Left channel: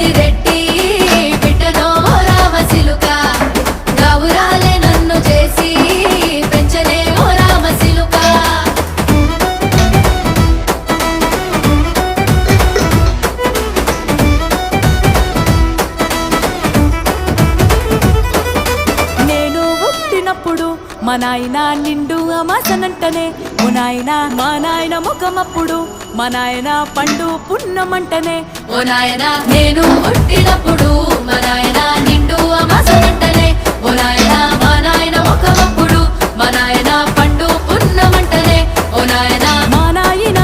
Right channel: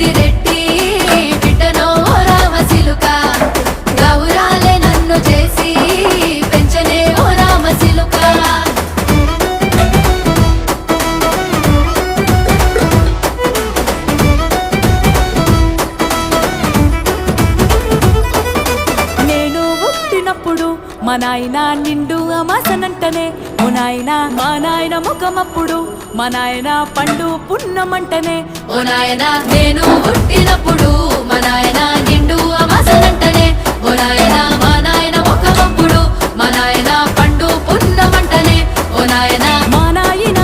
పెద్దిరెడ్డి బిడ్డనో ఓ రామసిలుక గౌరాలే నన్ను చేసి పెంచనే ఓ రామసిలుక నేను పుట్టినప్పుడు మా నాయన నిండు అమాసనంటనే ఓ నాయన మా నాయన ముఖమప్పుడు మా నాయన పండు పున్నమంటనే ఓ నాయన నేను పుట్టినప్పుడు మా నాయన నిండు అమాసనంటనే ఓ నాయన మా నాయన ముఖమప్పుడు మా నాయన పండు పున్నమంటనే ఓ నాయన మా నాయన